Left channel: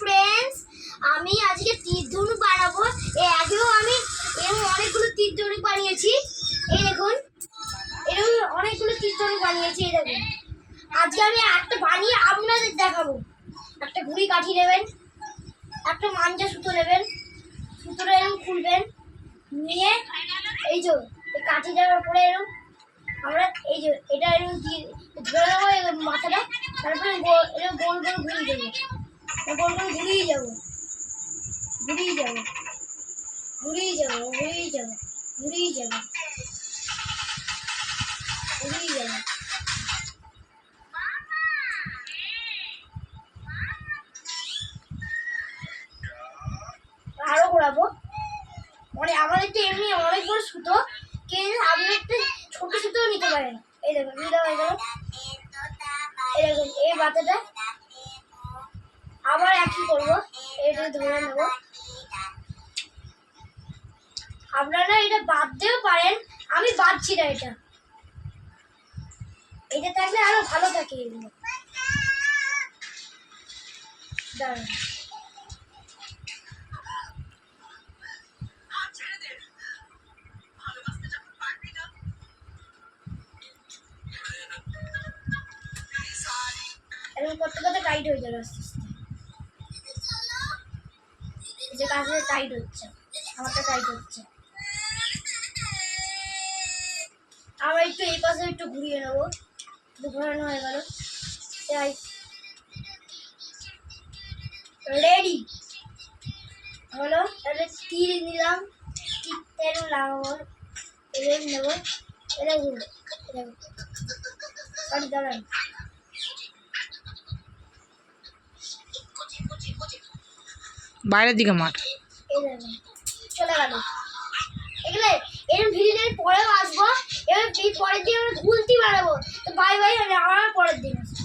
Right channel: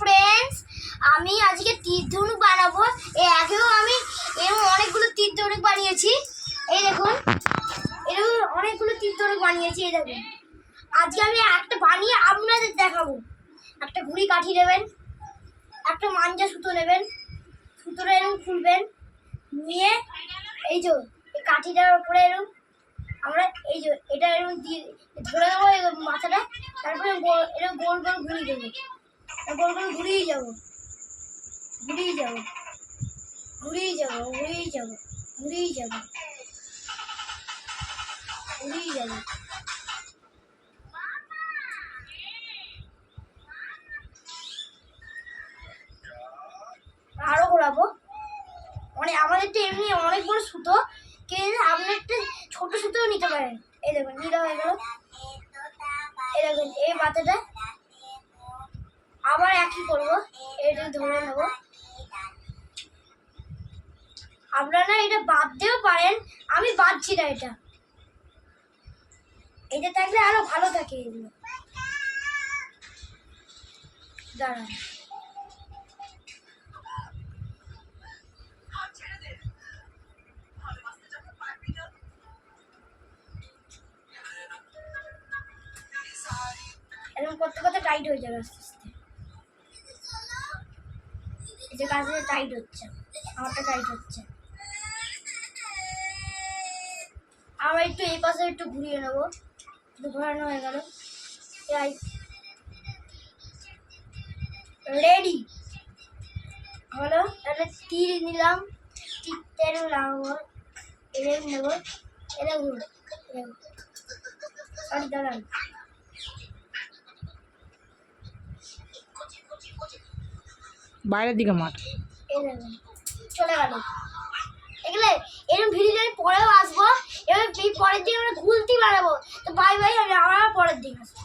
Friends, আমি আজকে তীর ধনুক বানাবো। আগেও আমি এরকম অনেকগুলো তীর ধনুক বানিয়েছি। এই দেখুন, এরকম অনেকগুলো তীর ধনুক বানিয়েছি। এই দেখুন, আজকে আমি একটা বানিয়ে আপনাদের দেখাবো। একটা ঘুড়ি কাঠি নেবেন, একটা মাঞ্জা সুতো নেবেন, সুতোটা এরকম খুলবেন, নিয়ে এই যে এই কাঠিটার উপরে এরকম আমরা এই যে এটা এরকম দিয়ে ধরে দেবো মাথাটা, তারপরে এরকম গোল গোল ঘুরিয়ে দেবো, গোল গোল ঘুরিয়ে যাবো, ঘুরিয়ে যাবো, ঘুরিয়ে যাবো, ঘুরিয়ে যাবো, ঘুরিয়ে যাবো, ঘুরিয়ে যাবো। আরো ঘোরাবো। মানে আমাদের তো এমনি অনেক বড় সুতো, কিন্তু আপনি একটা ছোট সুতোও নিতে পারেন। এই দেখুন, নিতে হয়ে গেল। এই দেখুন, এই মাথাটা আবার একই করবো, এটা ধরে নেবো। আপনারা এটা বাদ দিতেও পারেন, আমি বাদছি না। এটা থাকলে আরো ভালো থাকে। এগুলো দাঁড়ান, এরকম করতে করতে টাইট হয়ে যাবে আস্তে আস্তে। এই যে কাছে টাইট হচ্ছে, আমারটা টাইট হচ্ছে। আবার একটু এই পাশে একটু ঘুরিয়ে নেবো, ঘোরানো হয়ে গেল। রেডি হলো। তাহলে তীর নিলাম, তীরটা এরকম লাগাবো, এরকম নেবো, এটা ঘুরবো, সরি দাঁড়ান। বাইরের দিকে মাঠ, এই দেখুন চলে গেল। এগুলো এরকম ভিডিও পরেও আসবো। এবার পরের দিন আমরা গুলতি বানাবো। তো বাই বাই, আমি আবার পরের দিন আসবো।